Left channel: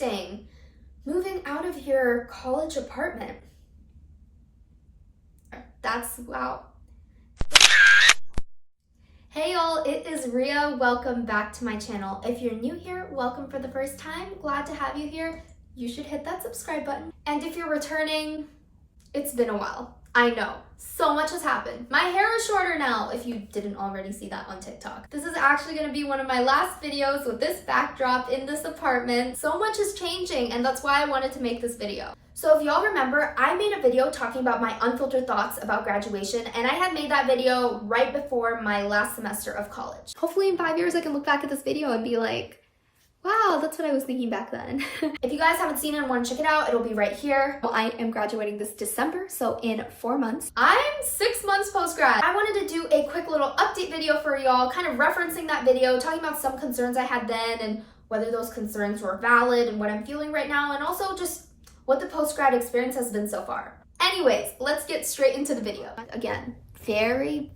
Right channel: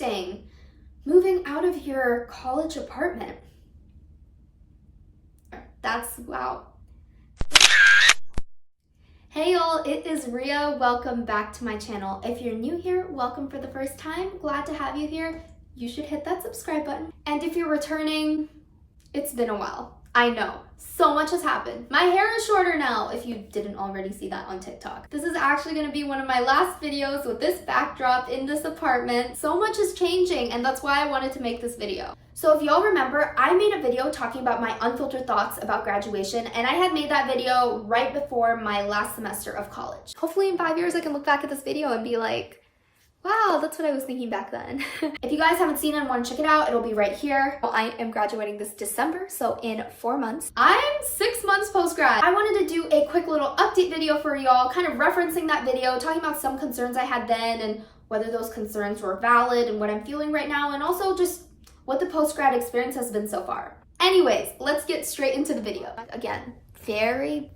interesting. Moving out of your college apartment. That's wow. Hey y'all, it is Ria. Welcome back to my channel. If you're new here, welcome for the first time. Glad to have you here. You should hit that subscribe button. And if you're returning, it's been a while. I know, so much has happened. My hair is shorter now, if you didn't already see that on TikTok. This is actually gonna be one of my last videos with this backdrop in this apartment. So much is changing, and that's why I wanted to make this video. So if y'all remember, I made a video talking about my unfiltered thoughts about graduation, and I had made that video right before my last semester of college. Hopefully in 5 years I can look back at this video and be like, wow, that's what I was thinking back then. If you guys haven't seen it and want to check it out, it'll be right here. Well, I am graduating this December, so in 4 months. I'm 6 months post-grad. I wanted to do a quick little update video for y'all, kind of referencing that video, talking about some concerns I had then and whether those concerns were valid and what I'm feeling right now, and also just what the post-grad experience has been so far. Anyways, let's get straight into the video. Again, very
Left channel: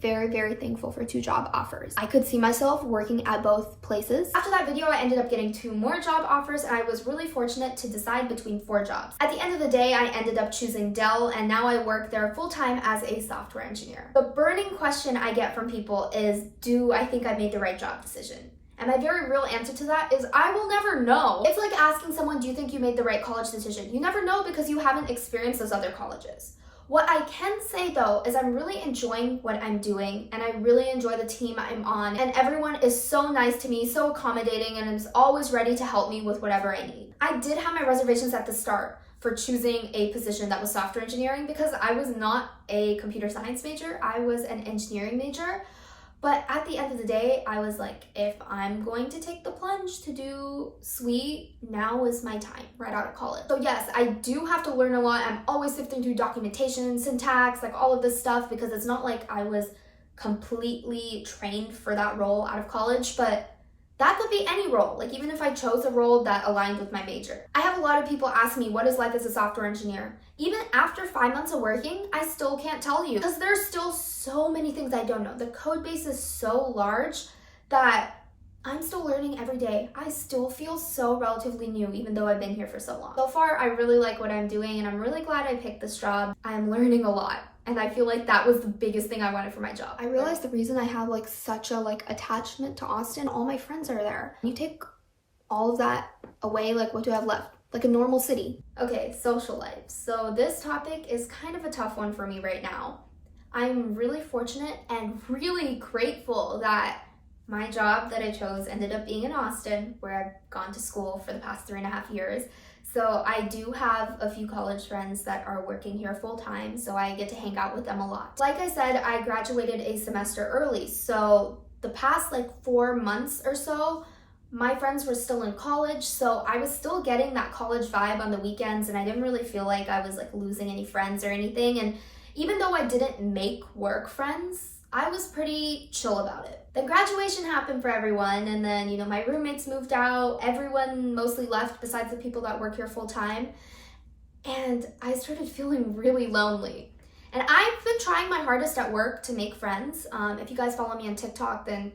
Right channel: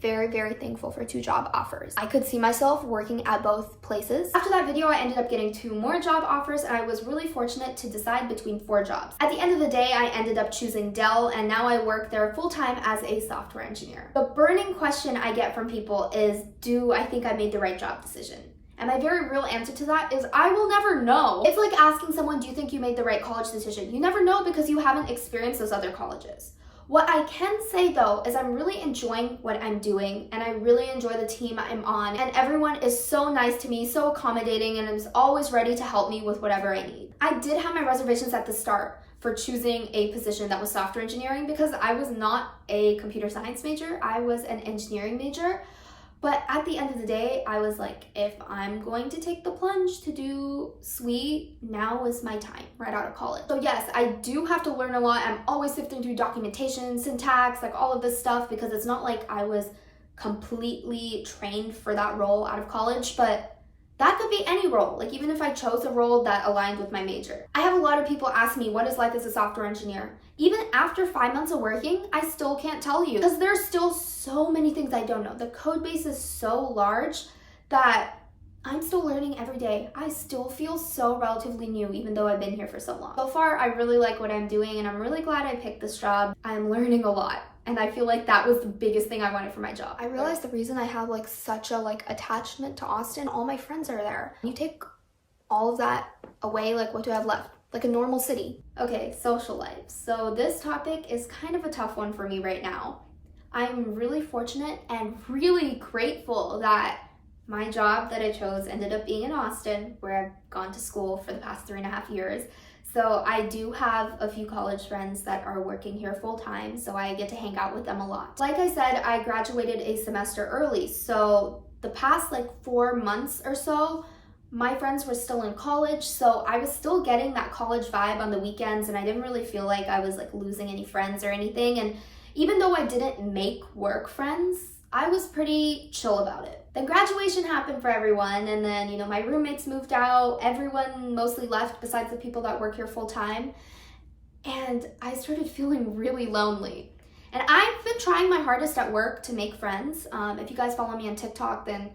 thankful for 2 job offers. I could see myself working at both places. After that video, I ended up getting 2 more job offers, and I was really fortunate to decide between 4 jobs. At the end of the day, I ended up choosing Dell, and now I work there full-time as a software engineer. The burning question I get from people is, do I think I made the right job decision? And my very real answer to that is I will never know. It's like asking someone, do you think you made the right college decision? You never know because you haven't experienced those other colleges. What I can say though is I'm really enjoying what I'm doing, and I really enjoy the team I'm on, and everyone is so nice to me, so accommodating, and is always ready to help me with whatever I need. I did have my reservations at the start for choosing a position that was software engineering because I was not a computer science major, I was an engineering major. But at the end of the day, I was like, if I'm going to take the plunge to do SWE, now is my time, right out of college. So yes, I do have to learn a lot. I'm always sifting through documentation, syntax, like all of this stuff, because it's not like I was completely trained for that role out of college, but that could be any role, like even if I chose a role that aligned with my major. I have a lot of people ask me, what is life as a software engineer? Even after 5 months of working, I still can't tell you because there's still so many things I don't know. The code base is so large that I'm still learning every day. I still feel so relatively new, even though I've been here for so long. So far, I really like what I'm doing, and I'm really glad I picked this job. I'm learning a lot. And I feel like that was the biggest thing I wanted for my job. I realized the reason I have like such a attachment to Austin, all my friends are there. You take all of that away, like what do I have left? Like a normal city. Okay, social life. So this topic is kind of a tough one for me right now. I'm really fortunate and really grateful that my job that I chose ended up being in Austin, where I've gone to school for the past 3.5 years. So I do have a few college friends that are working here full-time, so I get to hang out with them a lot. Like I said, I graduated a semester early, so the past 4 months or so, my friends were still in college, so I was still getting that college vibe on the weekends, and I didn't really feel like I was losing any friends or anything. And even though I didn't make work friends, I was pretty chill about it. Then graduation happened for everyone, and then, my roommates moved out. Everyone mostly left besides the people that work here full time. And I started feeling really lonely. And I've been trying my hardest at work to make friends. If you guys follow me on TikTok, then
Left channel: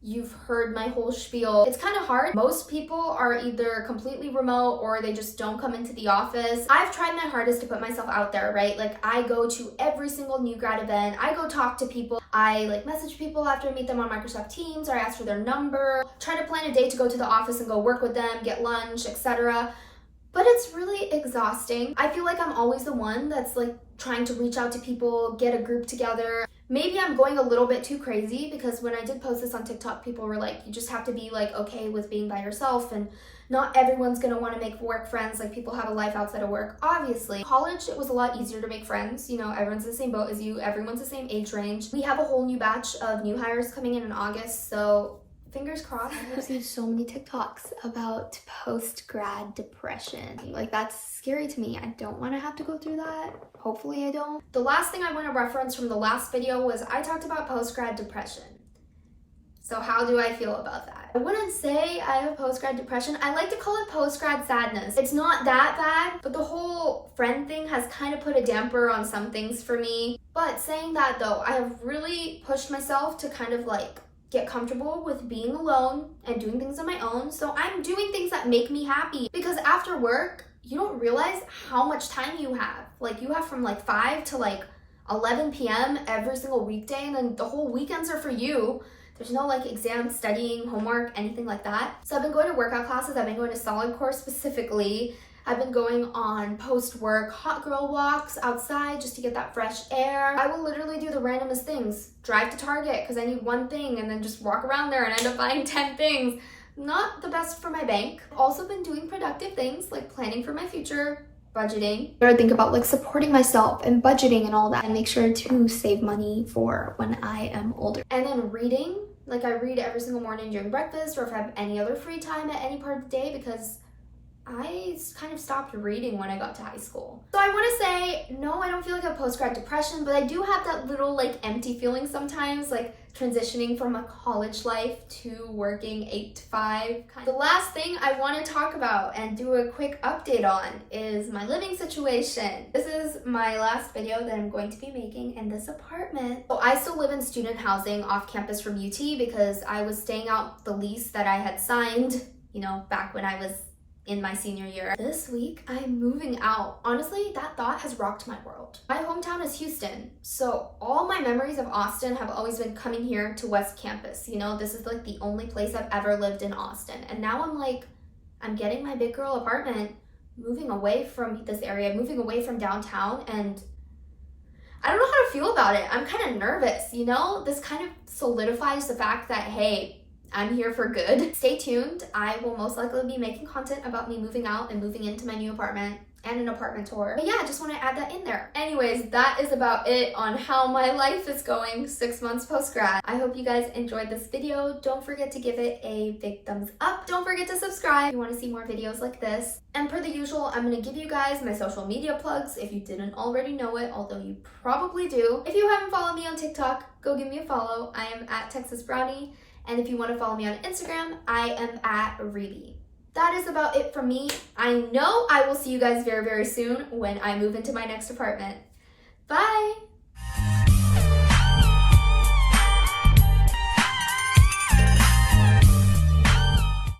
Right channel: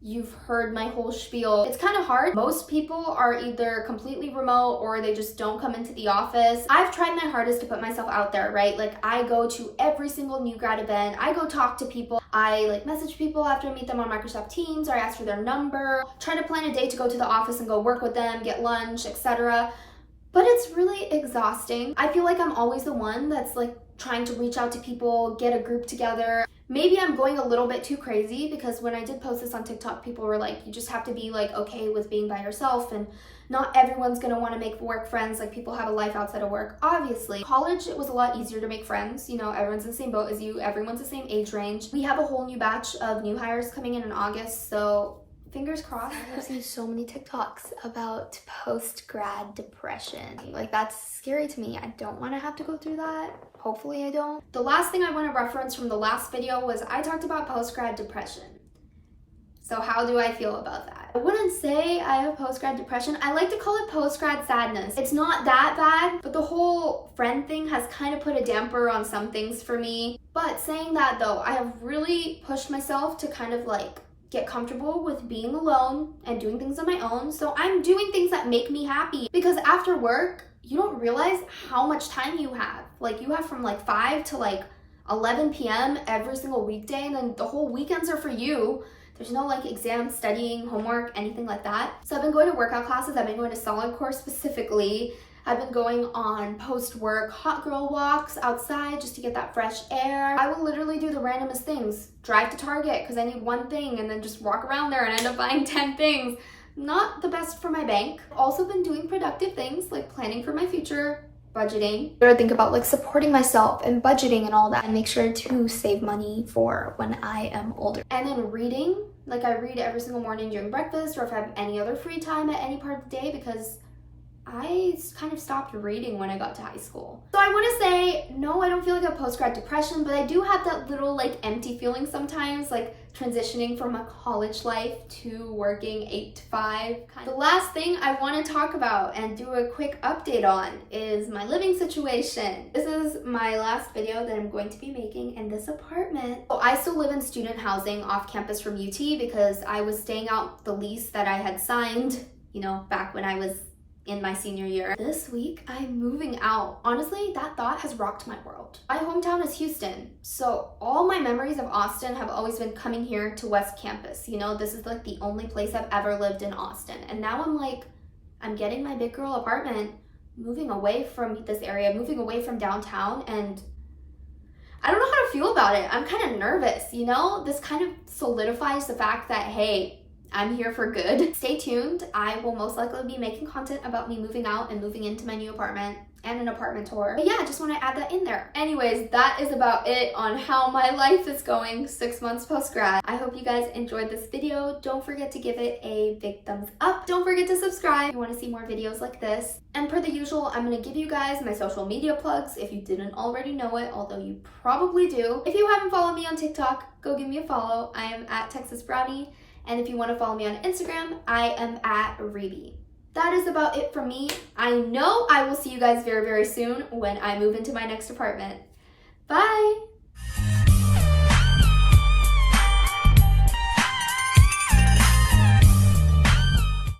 you've heard my whole spiel. It's kind of hard. Most people are either completely remote or they just don't come into the office. I've tried my hardest to put myself out there, right? I go to every single new grad event. I go talk to people. I message people after I meet them on Microsoft Teams, or I ask for their number, try to plan a day to go to the office and go work with them, get lunch, etc. But it's really exhausting. I feel like I'm always the one that's trying to reach out to people, get a group together. Maybe I'm going a little bit too crazy, because when I did post this on TikTok, people were like, you just have to be okay with being by yourself, and not everyone's gonna want to make work friends. People have a life outside of work. Obviously, college, it was a lot easier to make friends. Everyone's in the same boat as you, everyone's the same age range. We have a whole new batch of new hires coming in August, so fingers crossed. I've seen so many TikToks about post-grad depression. That's scary to me. I don't want to have to go through that. Hopefully I don't. The last thing I want to reference from the last video was I talked about post-grad depression. So how do I feel about that? I wouldn't say I have post-grad depression. I like to call it post-grad sadness. It's not that bad, but the whole friend thing has kind of put a damper on some things for me. But saying that though, I have really pushed myself to kind of get comfortable with being alone and doing things on my own. So I'm doing things that make me happy, because after work, you don't realize how much time you have. Like, you have from like 5 to like 11 p.m. every single weekday, and then the whole weekends are for you. There's no like exam, studying, homework, anything like that. So I've been going to workout classes. I've been going to solid core specifically. I've been going on post-work hot girl walks outside just to get that fresh air. I will literally do the randomest things. Drive to Target because I need one thing, and then just walk around there and end up buying 10 things. Not the best for my bank. I've also been doing productive things like planning for my future, budgeting. I think about like supporting myself and budgeting and all that, and make sure to save money for when I am older. And then reading, like I read every single morning during breakfast, or if I have any other free time at any part of the day, because I kind of stopped reading when I got to high school. So I want to say, no, I don't feel like a post-grad depression, but I do have that little like empty feeling sometimes, like transitioning from a college life to working 8 to 5. The last thing I want to talk about and do a quick update on is my living situation. This is my last video that I'm going to be making in this apartment. So I still live in student housing off campus from UT because I was staying out the lease that I had signed, you know, back when I was in my senior year. This week, I'm moving out. Honestly, that thought has rocked my world. My hometown is Houston, so all my memories of Austin have always been coming here to West Campus. You know, this is like the only place I've ever lived in Austin. And now I'm like, I'm getting my big girl apartment, moving away from this area, moving away from downtown, and I don't know how to feel about it. I'm kind of nervous, you know? This kind of solidifies the fact that, hey, I'm here for good. Stay tuned. I will most likely be making content about me moving out and moving into my new apartment and an apartment tour. But yeah, I just want to add that in there. Anyways, that is about it on how my life is going 6 months post-grad. I hope you guys enjoyed this video. Don't forget to give it a big thumbs up. Don't forget to subscribe if you want to see more videos like this. And per the usual, I'm going to give you guys my social media plugs if you didn't already know it, although you probably do. If you haven't followed me on TikTok, go give me a follow. I am at Texasbrownie. And if you want to follow me on Instagram, I am at Rebe. That is about it from me. I know I will see you guys very, very soon when I move into my next apartment. Bye!